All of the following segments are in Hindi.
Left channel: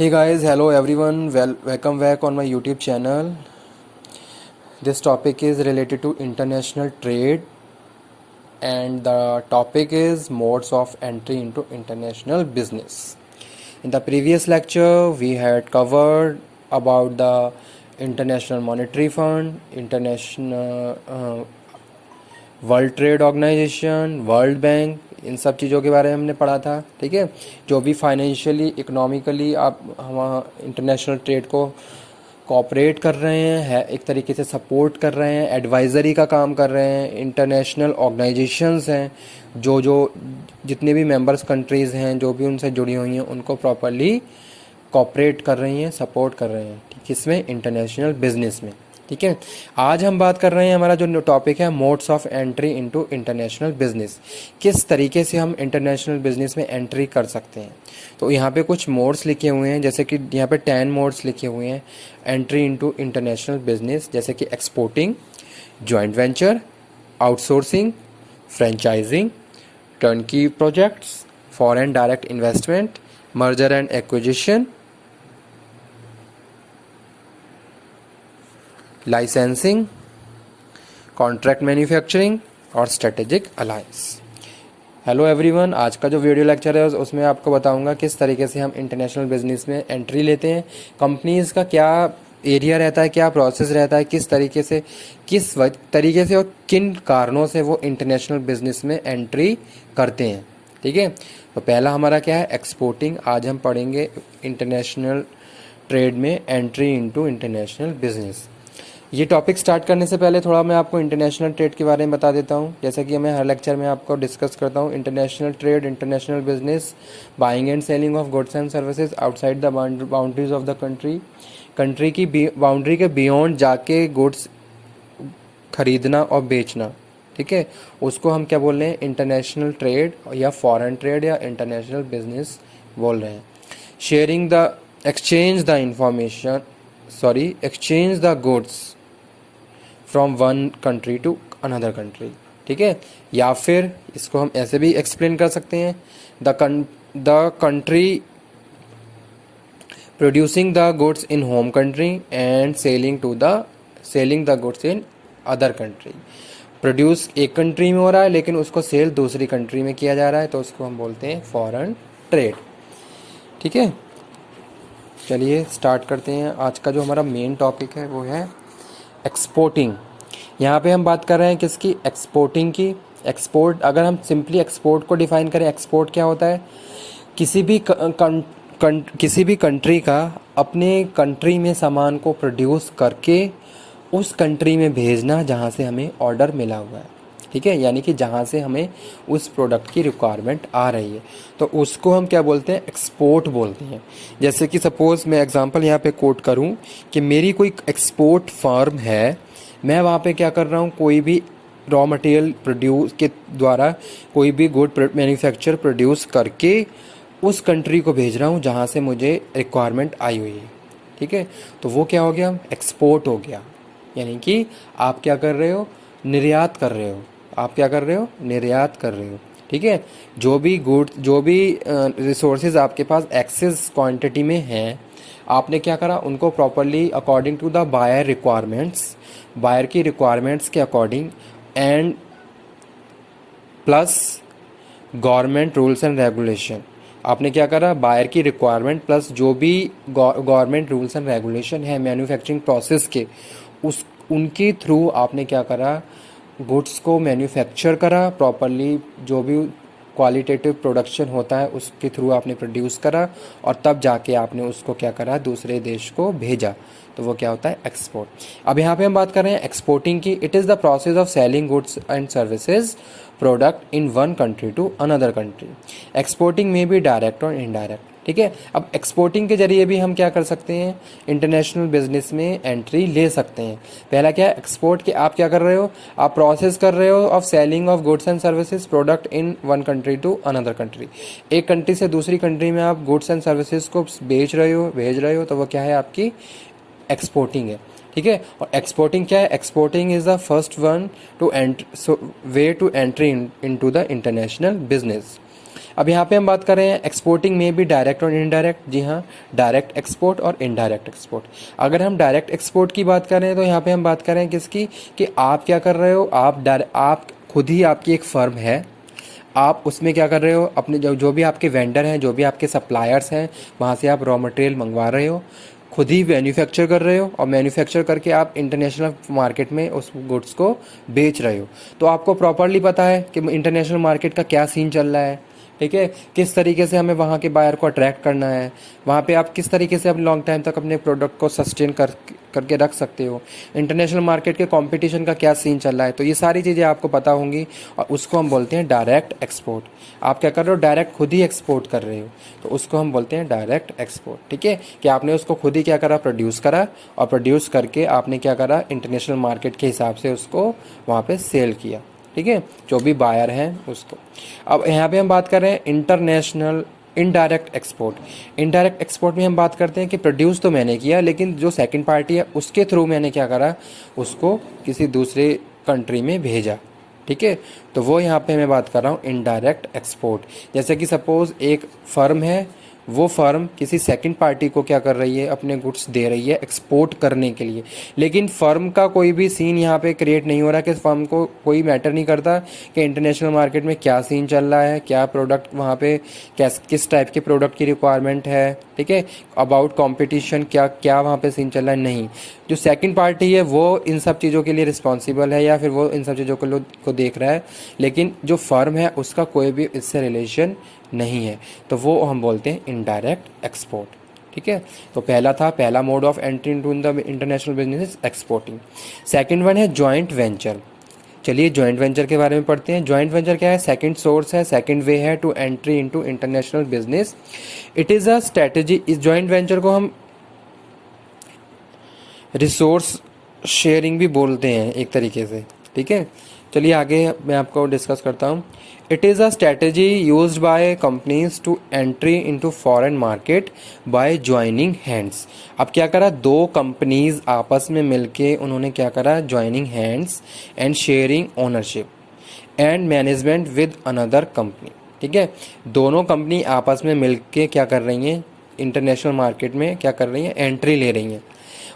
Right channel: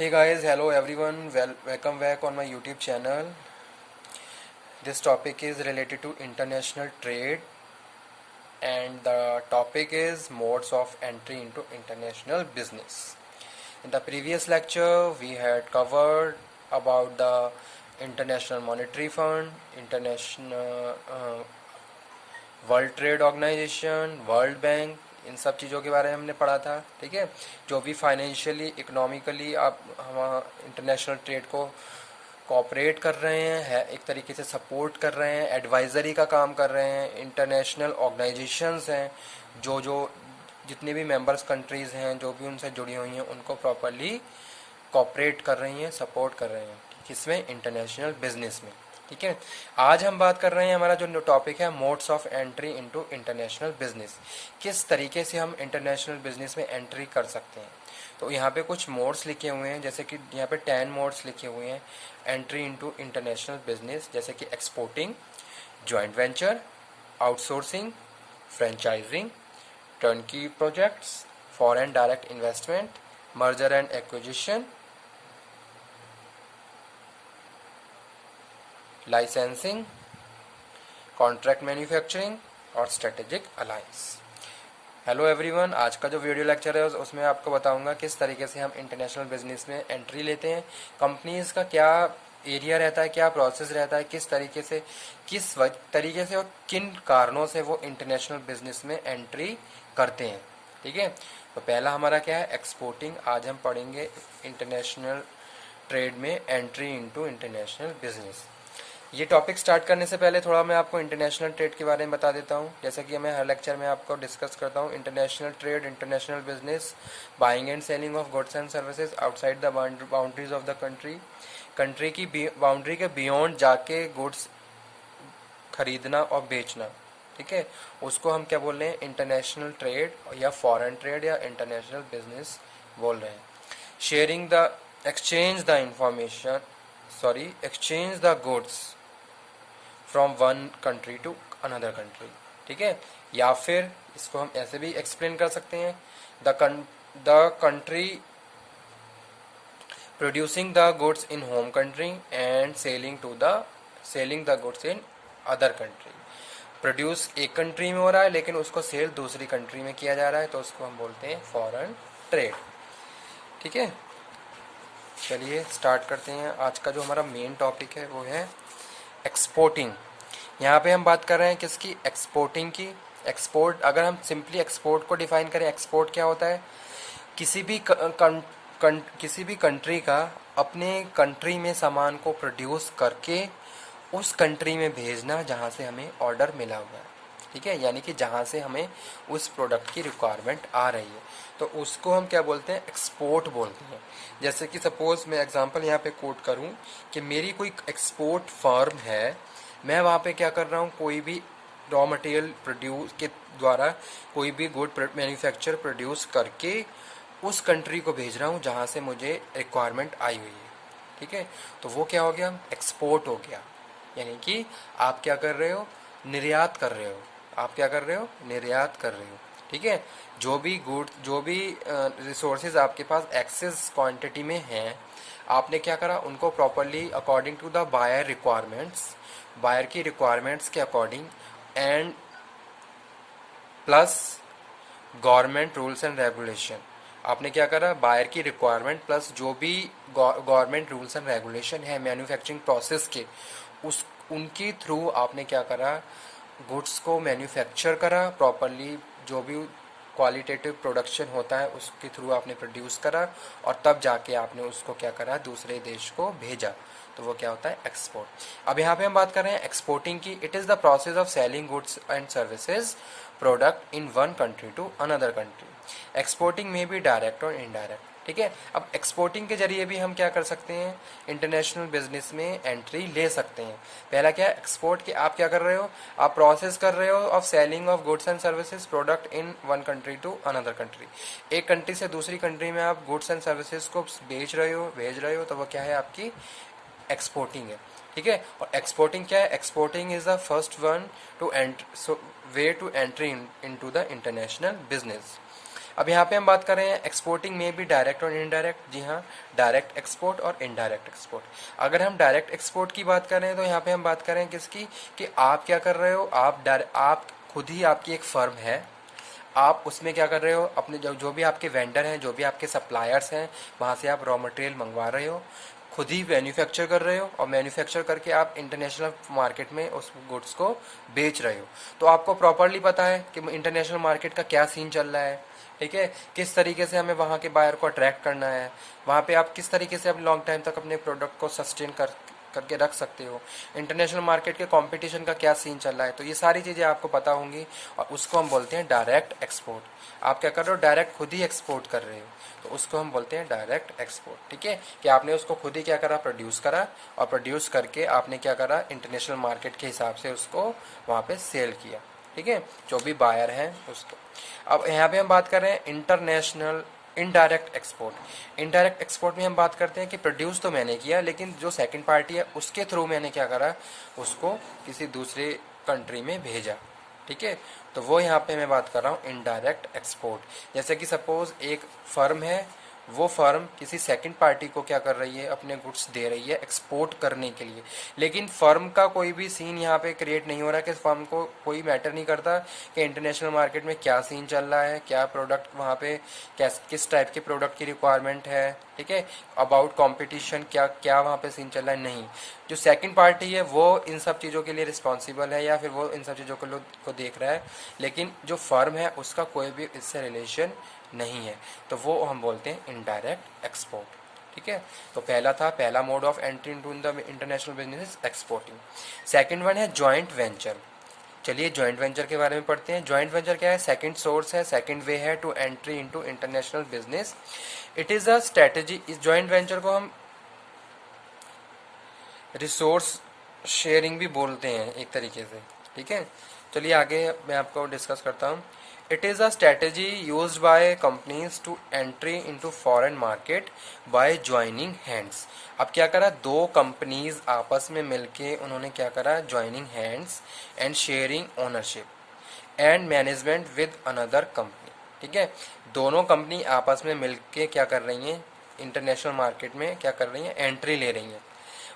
Hey guys, hello everyone. Welcome back on my YouTube channel. This topic is related to international trade, and the topic is modes of entry into international business. In the previous lecture, we had covered about the International Monetary Fund, International World Trade Organization, World Bank, इन सब चीज़ों के बारे में हमने पढ़ा था. ठीक है, जो भी फाइनेंशियली इकोनॉमिकली आप हम इंटरनेशनल ट्रेड को कोऑपरेट कर रहे हैं, है एक तरीके से सपोर्ट कर रहे हैं, एडवाइजरी का काम कर रहे हैं. इंटरनेशनल ऑर्गेनाइजेशंस हैं जो जो जितने भी मेंबर्स कंट्रीज़ हैं, जो भी उनसे जुड़ी हुई हैं, उनको प्रॉपरली कोऑपरेट कर रही हैं, सपोर्ट कर रहे हैं. ठीक, इसमें इंटरनेशनल बिजनेस में. ठीक है, आज हम बात कर रहे हैं, हमारा जो टॉपिक है modes of entry into international business. किस तरीके से हम इंटरनेशनल बिजनेस में एंट्री कर सकते हैं. तो यहाँ पे कुछ मोड्स लिखे हुए हैं, जैसे कि यहाँ पे 10 मोड्स लिखे हुए हैं एंट्री इनटू इंटरनेशनल बिजनेस, जैसे कि exporting, joint venture, outsourcing, franchising, turnkey projects, foreign direct investment, merger and acquisition, licensing, contract manufacturing और स्ट्रेटेजिक अलायंस. हेलो एवरीवन, आज का जो वीडियो लेक्चर है उसमें आपको बताऊंगा किस तरीके से हम इंटरनेशनल बिजनेस में एंट्री लेते हैं, कंपनीज का क्या एरिया रहता है, क्या प्रोसेस रहता है, किस तरीके से और किन कारणों से वो इंटरनेशनल बिजनेस में एंट्री करते हैं. ठीक है, तो पहला हमारा क्या है, एक्सपोर्टिंग. आज हम पढ़ेंगे इंटरनेशनल ट्रेड में एंट्री इनटू इंटरनेशनल बिजनेस. ये टॉपिक स्टार्ट करने से पहले थोड़ा मैं आपको इंटरनेशनल ट्रेड के बारे में बता देता हूँ. जैसा कि मैं हर लेक्चर में आपको डिस्कस करता हूँ, international trade, international business, buying and selling of goods and services outside the boundaries of the country की बाउंड्री के बियॉन्ड जाके गुड्स खरीदना और बेचना. ठीक है, उसको हम क्या बोल रहे हैं, इंटरनेशनल ट्रेड या फॉरेन ट्रेड या इंटरनेशनल बिजनेस बोल रहे हैं. Sharing the exchange the goods from one country to another country. ठीक है, या फिर इसको हम ऐसे भी एक्सप्लेन कर सकते हैं, the country producing the goods in home country and selling the goods in other country. Produce एक कंट्री में हो रहा है लेकिन उसको सेल दूसरी कंट्री में किया जा रहा है, तो उसको हम बोलते हैं फॉरेन ट्रेड. ठीक है, चलिए स्टार्ट करते हैं. आज का जो हमारा मेन टॉपिक है वो है एक्सपोर्टिंग. यहाँ पे हम बात कर रहे हैं किसकी, एक्सपोर्टिंग की. एक्सपोर्ट, अगर हम सिंपली एक्सपोर्ट को डिफाइन करें, एक्सपोर्ट क्या होता है, किसी भी कंट्री का अपने कंट्री में सामान को प्रोड्यूस करके उस कंट्री में भेजना जहाँ से हमें ऑर्डर मिला हुआ है. ठीक है, यानी कि जहाँ से हमें उस प्रोडक्ट की रिक्वायरमेंट आ रही है, तो उसको हम क्या बोलते हैं, एक्सपोर्ट बोलते हैं. जैसे कि सपोज मैं एग्जांपल यहाँ पे कोट करूँ कि मेरी कोई एक्सपोर्ट फर्म है, मैं वहाँ पे क्या कर रहा हूँ, कोई भी रॉ मटेरियल प्रोड्यूस के द्वारा कोई भी गुड मैन्युफैक्चर प्रोड्यूस करके उस कंट्री को भेज रहा हूँ जहाँ से मुझे रिक्वायरमेंट आई हुई है. ठीक है, तो वो क्या हो गया, एक्सपोर्ट हो गया. यानी कि आप क्या कर रहे हो, निर्यात कर रहे हो. आप क्या कर रहे हो, निर्यात कर रहे हो. ठीक है, जो भी रिसोर्सेज आपके पास एक्सेस क्वांटिटी में हैं, आपने क्या करा, उनको properly according to the buyer की रिक्वायरमेंट्स के according and plus government rules and regulation, आपने क्या करा, बायर की रिक्वायरमेंट प्लस जो भी गवर्नमेंट रूल्स एंड रेगुलेशन है मैन्युफैक्चरिंग प्रोसेस के, उनके थ्रू आपने क्या करा, गुड्स को मैन्युफैक्चर करा प्रॉपरली. जो भी क्वालिटेटिव प्रोडक्शन होता है उसके थ्रू आपने प्रोड्यूस करा और तब जाके आपने उसको क्या करा, दूसरे देश को भेजा. तो वो क्या होता है, एक्सपोर्ट. अब यहाँ पे हम बात कर रहे हैं एक्सपोर्टिंग की. It is the process of selling goods and services product in one country to another country. Exporting में भी डायरेक्ट और इनडायरेक्ट. ठीक है, अब एक्सपोर्टिंग के जरिए भी हम क्या कर सकते हैं, इंटरनेशनल बिजनेस में एंट्री ले सकते हैं. पहला क्या है, एक्सपोर्ट के आप क्या कर रहे हो, आप प्रोसेस कर रहे हो of selling of goods and services product in one country to another country. एक कंट्री से दूसरी कंट्री में आप गुड्स एंड सर्विसेज को भेज रहे हो, तो वो क्या है, आपकी एक्सपोर्टिंग है. ठीक है, और एक्सपोर्टिंग क्या है, exporting is the first one way to entry into the international business. अब यहाँ पे हम बात कर रहे हैं एक्सपोर्टिंग में भी डायरेक्ट और इनडायरेक्ट। जी हाँ, डायरेक्ट एक्सपोर्ट और इनडायरेक्ट एक्सपोर्ट। अगर हम डायरेक्ट एक्सपोर्ट की बात कर रहे हैं तो यहाँ पे हम बात कर रहे हैं किसकी, कि आप क्या कर रहे हो, आप खुद ही आपकी एक फर्म है, आप उसमें क्या कर रहे हो, अपने जो भी आपके वेंडर हैं, जो भी आपके सप्लायर्स हैं, वहाँ से आप रॉ मटेरियल मंगवा रहे हो, खुद ही मैन्युफैक्चर कर रहे हो, और मैन्युफैक्चर करके आप इंटरनेशनल मार्केट में उस गुड्स को बेच रहे हो। तो आपको प्रॉपरली पता है कि इंटरनेशनल मार्केट का क्या सीन चल रहा है, ठीक है, किस तरीके से हमें वहाँ के बायर को अट्रैक्ट करना है, वहाँ पे आप किस तरीके से अब लॉन्ग टाइम तक अपने प्रोडक्ट को सस्टेन करके रख सकते हो, इंटरनेशनल मार्केट के कंपटीशन का क्या सीन चल रहा है। तो ये सारी चीज़ें आपको पता होंगी, और उसको हम बोलते हैं डायरेक्ट एक्सपोर्ट। आप क्या कर रहे हो, डायरेक्ट खुद ही एक्सपोर्ट कर रहे हो, तो उसको हम बोलते हैं डायरेक्ट एक्सपोर्ट। ठीक है, कि आपने उसको खुद ही क्या करा, प्रोड्यूस करा, और प्रोड्यूस करके आपने क्या करा, इंटरनेशनल मार्केट के हिसाब से उसको वहाँ पे सेल किया। ठीक है, जो भी बायर हैं उसको। अब यहाँ पे हम बात कर रहे हैं international indirect export. Indirect export में हम बात करते हैं कि प्रोड्यूस तो मैंने किया, लेकिन जो सेकंड पार्टी है उसके थ्रू मैंने क्या करा, उसको किसी दूसरे कंट्री में भेजा। ठीक है, तो वो यहाँ पे मैं बात कर रहा हूँ इनडायरेक्ट एक्सपोर्ट। जैसे कि सपोज एक फर्म है, वो फर्म किसी सेकंड पार्टी को क्या कर रही है, अपने गुड्स दे रही है एक्सपोर्ट करने के लिए, लेकिन फर्म का कोई भी सीन यहाँ पे क्रिएट नहीं हो रहा, कि फर्म को कोई मैटर नहीं करता कि इंटरनेशनल मार्केट में क्या सीन चल रहा है, क्या प्रोडक्ट वहाँ पे किस टाइप के प्रोडक्ट की रिक्वायरमेंट है। ठीक है, अबाउट कॉम्पिटिशन क्या क्या वहाँ पे सीन चल रहा है, नहीं। जो सेकंड पार्टी है वो इन सब चीज़ों के लिए रिस्पॉन्सिबल है, या फिर वो इन सब चीज़ों को देख रहा है, लेकिन जो फर्म है उसका कोई भी इससे रिलेशन नहीं है। तो वो हम बोलते हैं इनडायरेक्ट एक्सपोर्ट। ठीक है, तो पहला mode of entry into the international business exporting. Second one है जॉइंट वेंचर। चलिए जॉइंट वेंचर के बारे में पढ़ते हैं। जॉइंट वेंचर क्या है, सेकंड सोर्स है, सेकंड वे है to entry into international business. It is a strategy. इस जॉइंट वेंचर को हम रिसोर्स शेयरिंग भी बोलते हैं एक तरीके से। ठीक है, चलिए आगे मैं आपको डिस्कस करता हूँ। It is a strategy use by companies to entry into foreign market by joining hands. अब क्या करा, दो कंपनीज आपस में मिलके उन्होंने क्या करा, joining hands and sharing ownership and management with another company. ठीक है, दोनों कंपनी आपस में मिलके क्या कर रही हैं, इंटरनेशनल मार्केट में क्या कर रही हैं, एंट्री ले रही हैं।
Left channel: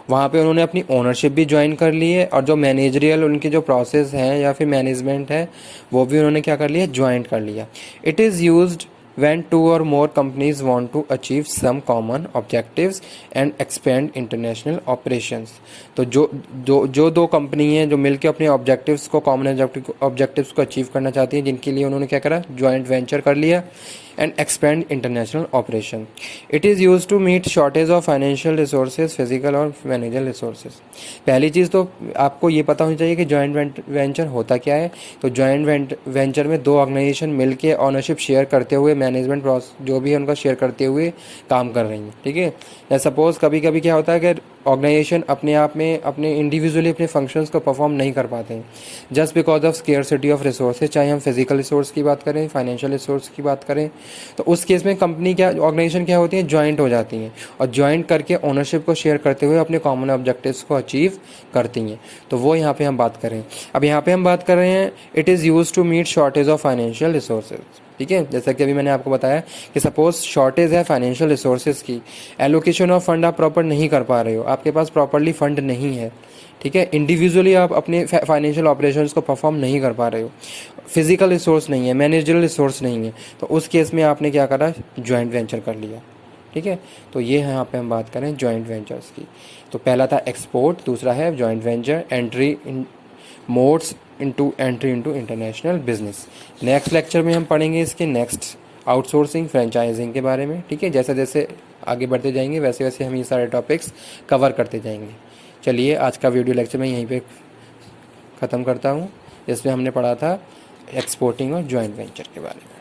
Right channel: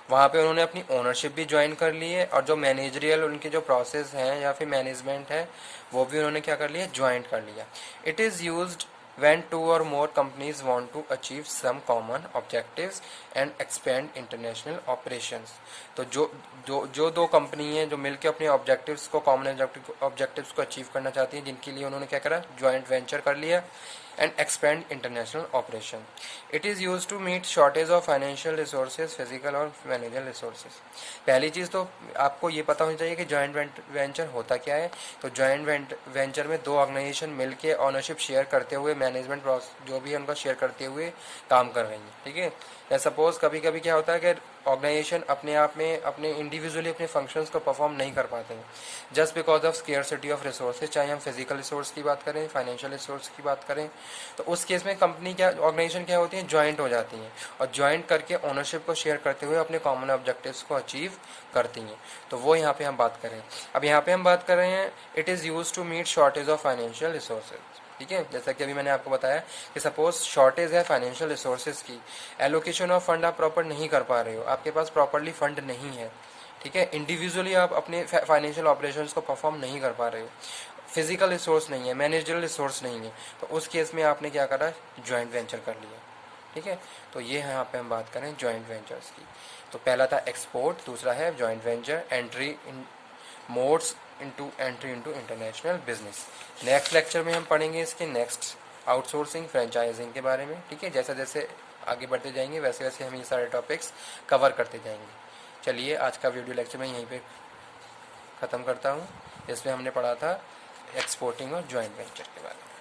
वहाँ पे उन्होंने अपनी ओनरशिप भी ज्वाइन कर ली है, और जो मैनेजरियल उनके जो प्रोसेस हैं या फिर मैनेजमेंट है वो भी उन्होंने क्या कर लिया, ज्वाइन कर लिया। It is used when two or more companies want to achieve some common objectives and expand international operations। तो जो दो कंपनी हैं जो मिलकर अपने ऑब्जेक्टिव्स को, कॉमन ऑब्जेक्टिव्स को अचीव करना चाहती हैं, जिनके लिए उन्होंने क्या करा, ज्वाइंट वेंचर कर लिया and expand international operation. It is use to meet shortage of financial resources, physical और मैनेजल रिसोर्सेज। पहली चीज़ तो आपको ये पता होनी चाहिए कि ज्वाइंट वेंचर होता क्या है। तो ज्वाइंट वेंचर में दो ऑर्गेनाइजेशन मिलके ऑनरशिप शेयर करते हुए, मैनेजमेंट जो भी है उनका शेयर करते हुए काम कर रही हैं। ठीक है, या सपोज कभी कभी क्या होता है कि ऑर्गेनाइजेशन अपने आप में अपने इंडिविजुअली अपने फंक्शंस को परफॉर्म नहीं कर पाते हैं, just because of scarcity of resources, चाहे हम फिजिकल रिसोर्स की बात करें, फाइनेंशियल रिसोर्स की बात करें। तो उस केस में कंपनी क्या, ऑर्गेनाइजेशन क्या होती है, ज्वाइंट हो जाती हैं, और ज्वाइंट करके ओनरशिप को शेयर करते हुए अपने कॉमन ऑब्जेक्टिव्स को अचीव करती हैं। तो वो यहाँ पे हम बात करें। अब यहाँ पे हम बात कर रहे हैं, it is use to meet shortage of financial resources. ठीक है, जैसा कि अभी मैंने आपको बताया कि सपोज शॉर्टेज है फाइनेंशियल रिसोर्सेज की, एलोकेशन ऑफ फंड आप प्रॉपर नहीं कर पा रहे हो, आपके पास प्रॉपरली फंड नहीं है। ठीक है, इंडिविजुअली आप अपने फाइनेंशियल ऑपरेशंस को परफॉर्म नहीं कर पा रहे हो, फिजिकल रिसोर्स नहीं है, मैनेजरल रिसोर्स नहीं है, तो उस केस में आपने क्या करा, ज्वाइंट वेंचर कर लिया। ठीक है, तो ये है, यहाँ पे हम बात करें ज्वाइंट वेंचर्स की। तो पहला था एक्सपोर्ट, दूसरा है joint venture, entry in modes into entry into international business. Next lecture में हम पढ़ेंगे इसके नेक्स्ट आउटसोर्सिंग, फ्रेंचाइजिंग के बारे में। ठीक है, जैसे जैसे आगे बढ़ते जाएंगे वैसे वैसे हम ये सारे टॉपिक्स कवर करते जाएंगे। चलिए आज का वीडियो लेक्चर मैं यहीं पे ख़त्म करता हूँ, जिसमें हमने पढ़ा था एक्सपोर्टिंग और ज्वाइंट वेंचर के बारे में।